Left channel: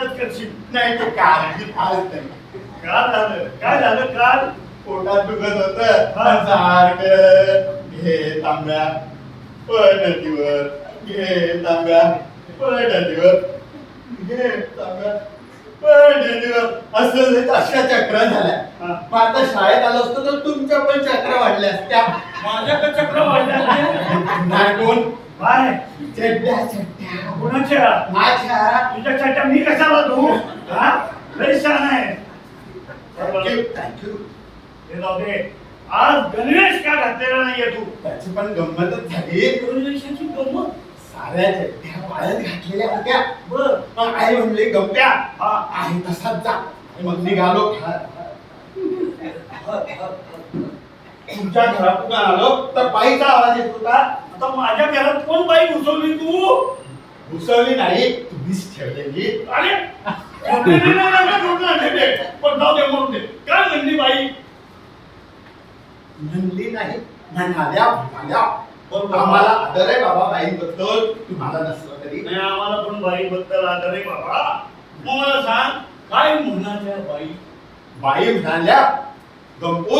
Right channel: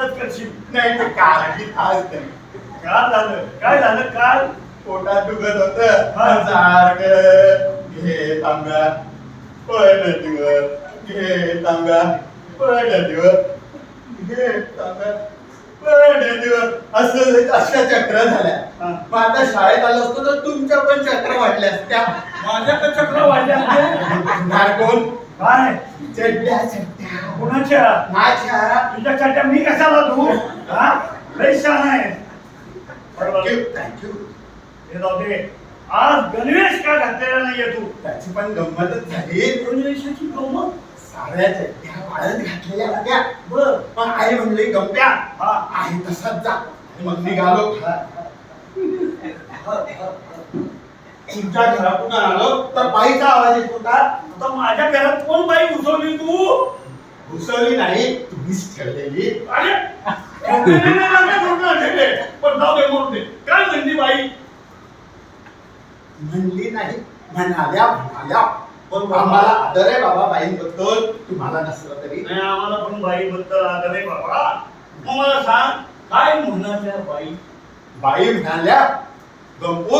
इथंच करशील? नाही ते आणि आज नाही. काल झालं. काय झालं काल? पोटात दुखत होत. सारखं घे तांब्या पळ नदीवर घे तांब्या पळ नदीवर घे तांब्या असं अशा चक्र झाल्या. मग आता शाळेत आलो असतो तर तुमच्या पण चक्र वाढल्या असत्या. माझ्याकडे चक्र वाढल्या नाही कोण? काय? चड्ड्या चड्ड्या. कुणाच्या? माझ्या. तुझ्या चट्या मी कशाला धू हा? लय छान आहे. थँक्यू थँक्यू हे जाऊ दे. आज गणवेश का घातलेला नाहीये तू? त्याची पण गंमतच झाली. गणवेशाची गंमत? साऱ्या चड्ड्या वाळत घातलेल्या होत्या. बर. मग आई म्हणली गंप्या हा. आहे तसाच जा. मग निघालो तुमच्या घरातून आलो तर बाईचा आवाज येत होता आता माझ्या घरात कोण बाई घुसवली तू? घुसवली नाही तुम्हीच ठेवलेली. अरे? पण जाऊ दे म्हणून दे काय म्हणली बाई? म्हणली नाही म्हणाल्या म्हणाल्या. आम्हाला आदर आहे बाबा बाईंबद्दल. तुम्हाला नसलं तरी. नाही आम्हाला पण बाई बद्दल आदर आहे बाबा. मग मला सांग काय म्हणाल्या बाई? बाई म्हणाल्या गंपू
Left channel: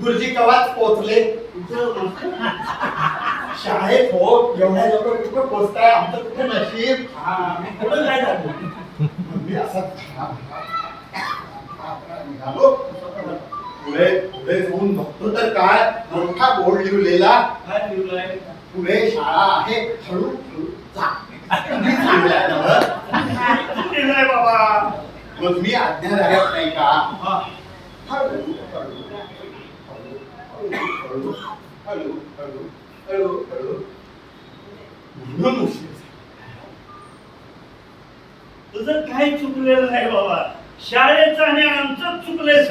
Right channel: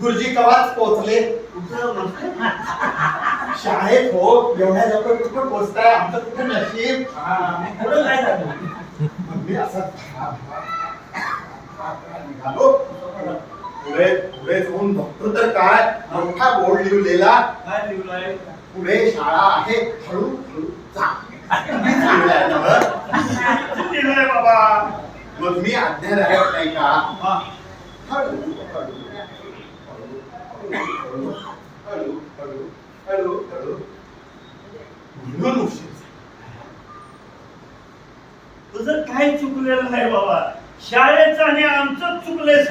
गुरुजी कवाच म्हणतं शाळेत हो एवढ्या लवकर कुठं पोचताय आमचं कुठं नशीब? हा, पुढं काय झालं मग मी असा निघालो पुढे पुढे जाऊन बघतो तर काय? मोठा बोर्ड लिहिलेला काय लिहिलाय? पुढे शाळा आहे. हळूहळू जा. बाबा? मग मी आज्ञा राहत नाही का? म्हणून उशीर तुझं काय चुकलेलं नाही बाबा. शाळेचं आणि आमचं चुकलंय